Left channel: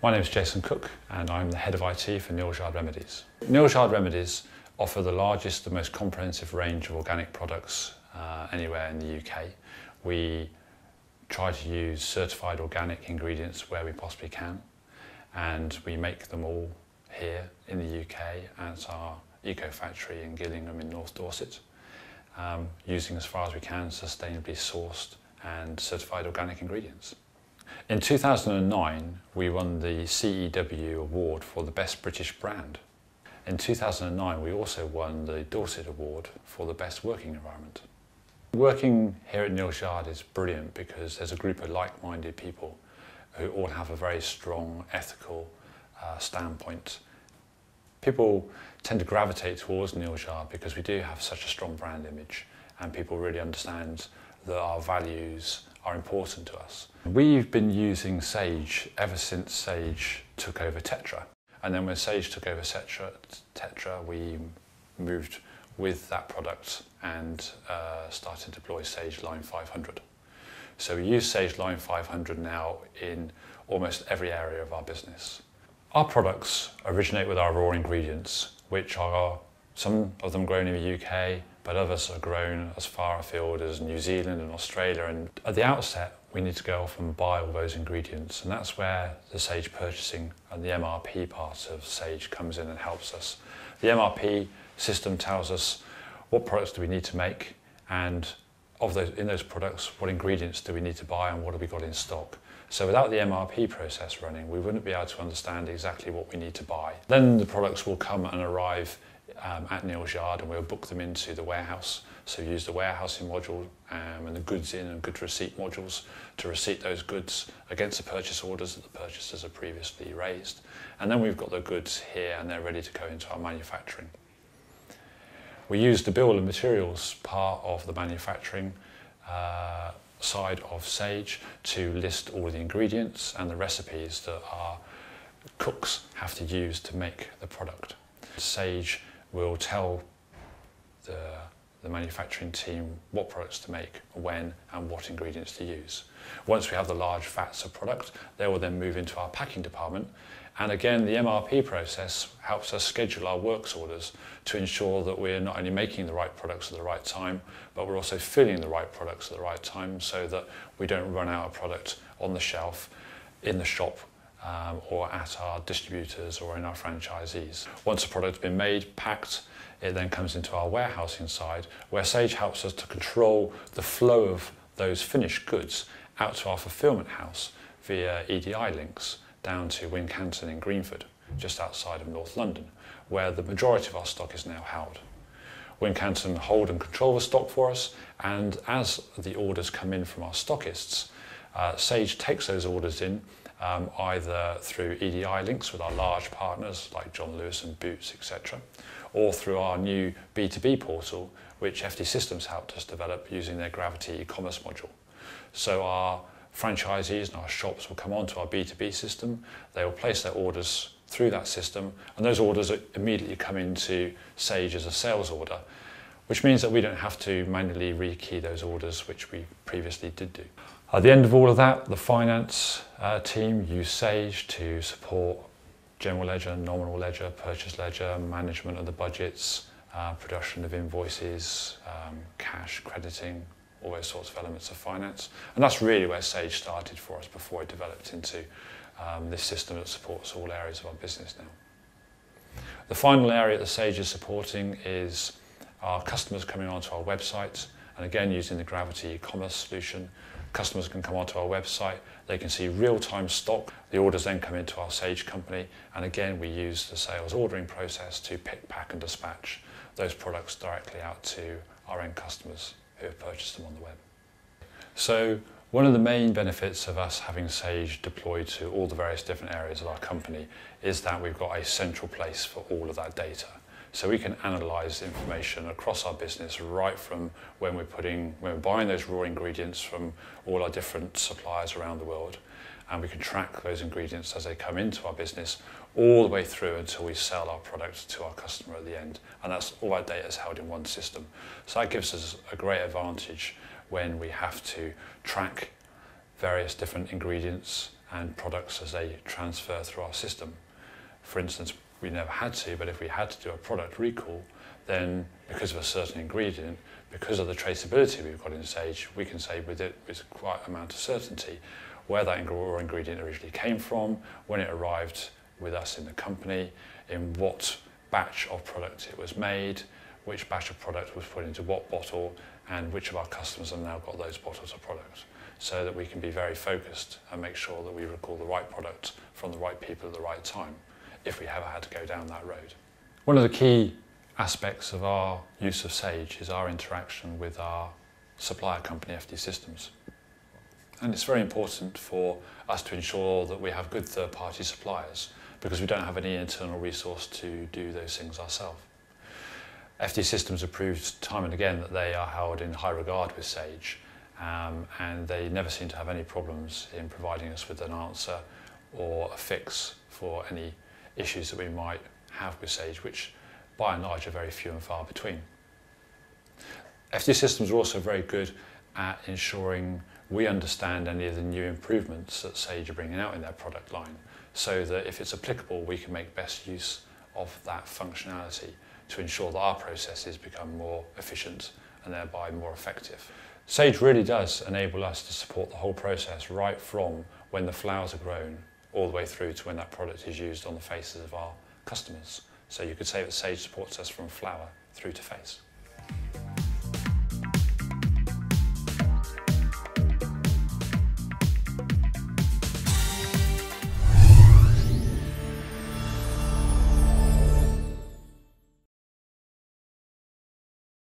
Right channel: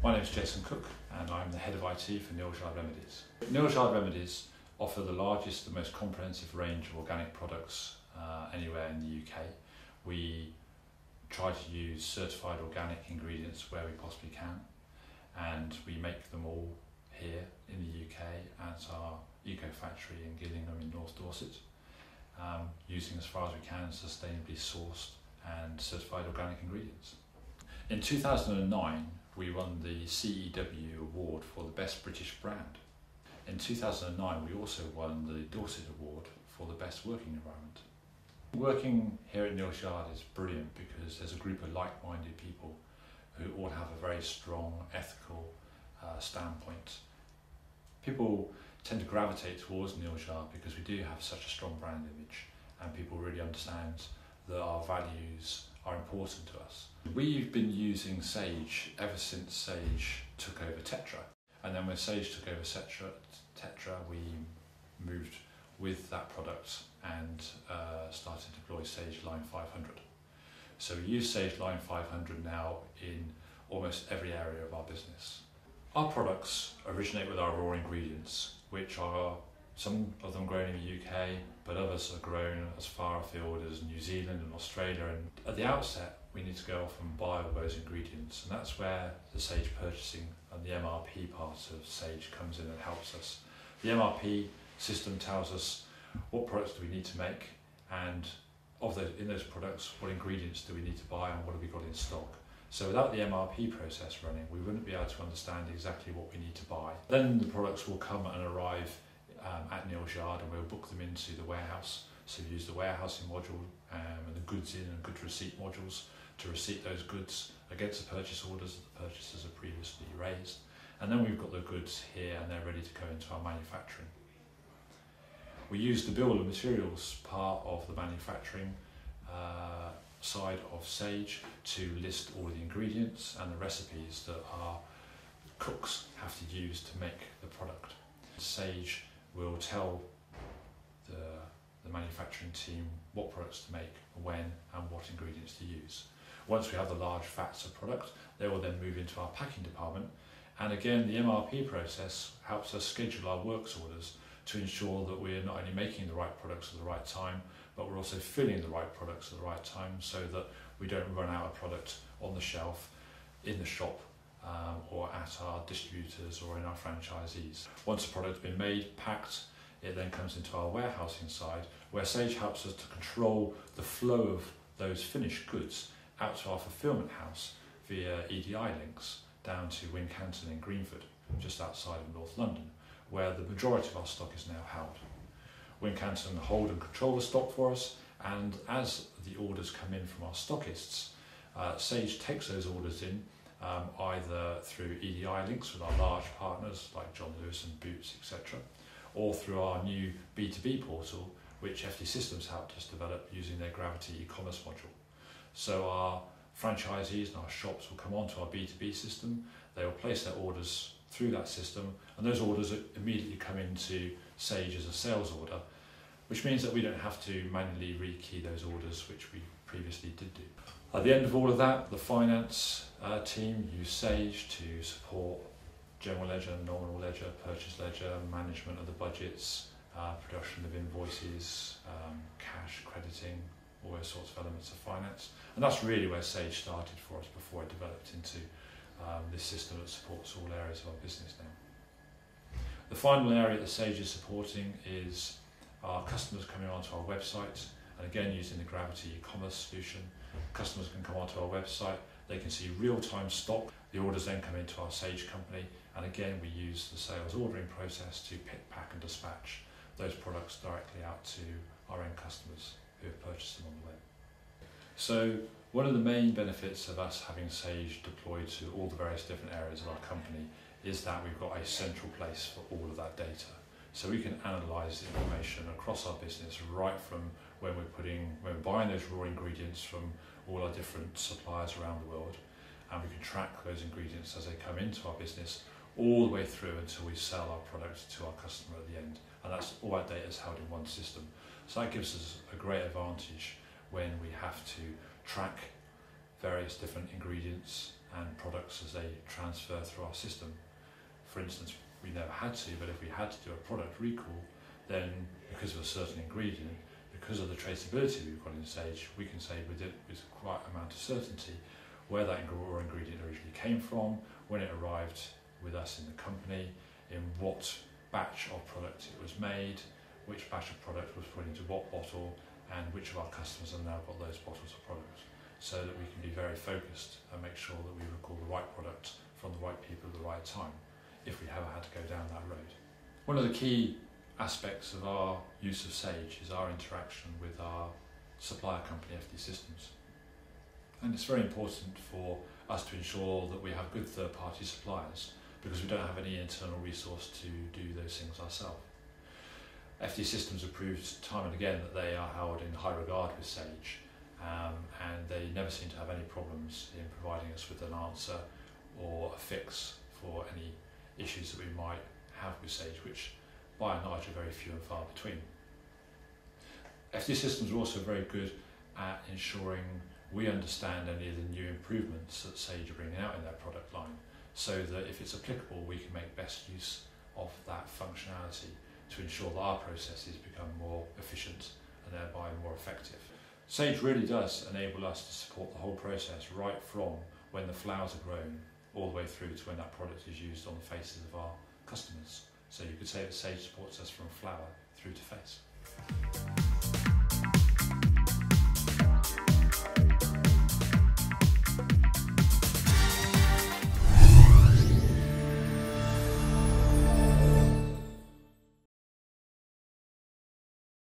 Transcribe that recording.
My name is Jason Cook and I'm the Head of IT for Neal Remedies. Neal Remedies offer the largest and most comprehensive range of organic products anywhere in the UK. We try to use certified organic ingredients where we possibly can, and we make them all here in the UK at our eco factory in Gillingham in North Dorset, using as far as we can sustainably sourced and certified organic ingredients. In 2009, we won the CEW award for the best British brand. In 2009, we also won the Dorset award for the best working environment. Working here at Neal is brilliant because there's a group of like-minded people who all have a very strong ethical standpoint. People tend to gravitate towards Neal because we do have such a strong brand image, and people really understand that our values are important to us. We've been using Sage ever since Sage took over Tetra. And then when Sage took over Tetra, we moved with that product and started to deploy Sage Line 500. So we use Sage Line 500 now in almost every area of our business. Our products originate with our raw ingredients, which are some of them grown in the UK, but others are grown as far afield as New Zealand and Australia. And at the outset, we need to go off and buy all those ingredients, and that's where the Sage purchasing and the MRP part of Sage comes in and helps us. The MRP system tells us what products do we need to make, and in those products, what ingredients do we need to buy and what have we got in stock. So without the MRP process running, we wouldn't be able to understand exactly what we need to buy. Then the products will come and arrive at Neal and we'll book them into the warehouse. So we use the warehousing module and the goods in and goods receipt modules to receipt those goods against the purchase orders that the purchasers have previously raised. And then we've got the goods here and they're ready to go into our manufacturing. We use the bill of materials part of the manufacturing side of Sage to list all the ingredients and the recipes that our cooks have to use to make the product. Sage will tell the manufacturing team what products to make, when and what ingredients to use. Once we have the large vats of product, they will then move into our packing department, and again the MRP process helps us schedule our works orders to ensure that we're not only making the right products at the right time, but we're also filling the right products at the right time so that we don't run out of product on the shelf, in the shop, or at our distributors or in our franchisees. Once a product's been made, packed, it then comes into our warehousing side, where Sage helps us to control the flow of those finished goods out to our fulfillment house via EDI links down to Wincanton in Greenford, just outside of North London, where the majority of our stock is now held. Wincanton hold and control the stock for us, and as the orders come in from our stockists, Sage takes those orders in either through EDI links with our large partners like John Lewis and Boots, etc., or through our new B2B portal, which FD Systems helped us develop using their Gravit-e e-commerce module. So our franchisees and our shops will come onto our B2B system, they will place their orders through that system, and those orders immediately come into Sage as a sales order, which means that we don't have to manually rekey those orders, which we previously did do. At the end of all of that, the finance team use Sage to support general ledger, nominal ledger, purchase ledger, management of the budgets, production of invoices, cash, crediting, all those sorts of elements of finance. And that's really where Sage started for us before it developed into this system that supports all areas of our business now. The final area that Sage is supporting is our customers coming onto our website, and again using the Gravit-e e-commerce solution. Customers can come onto our website, they can see real-time stock, the orders then come into our Sage company, and again we use the sales ordering process to pick, pack and dispatch those products directly out to our end customers who have purchased them on the web. So one of the main benefits of us having Sage deployed to all the various different areas of our company is that we've got a central place for all of that data. So we can analyse information across our business right from when we're buying those raw ingredients from all our different suppliers around the world, and we can track those ingredients as they come into our business all the way through until we sell our product to our customer at the end. And that's all our data is held in one system. So that gives us a great advantage when we have to track various different ingredients and products as they transfer through our system. For instance, we never had to, but if we had to do a product recall, then because of a certain ingredient, because of the traceability we've got in Sage, we can say with quite an amount of certainty where that raw ingredient originally came from, when it arrived with us in the company, in what batch of product it was made, which batch of product was put into what bottle, and which of our customers have now got those bottles of product, so that we can be very focused and make sure that we recall the right product from the right people at the right time, if we ever had to go down that road. One of the key aspects of our use of Sage is our interaction with our supplier company, FD Systems. And it's very important for us to ensure that we have good third-party suppliers, because we don't have any internal resource to do those things ourselves. FD Systems have proved time and again that they are held in high regard with Sage, and they never seem to have any problems in providing us with an answer or a fix for any issues that we might have with Sage, which by and large are very few and far between. FD Systems are also very good at ensuring we understand any of the new improvements that Sage are bringing out in their product line, so that if it's applicable, we can make best use of that functionality to ensure that our processes become more efficient and thereby more effective. Sage really does enable us to support the whole process, right from when the flowers are grown all the way through to when that product is used on the faces of our customers. So you could say that Sage supports us from flower through to face.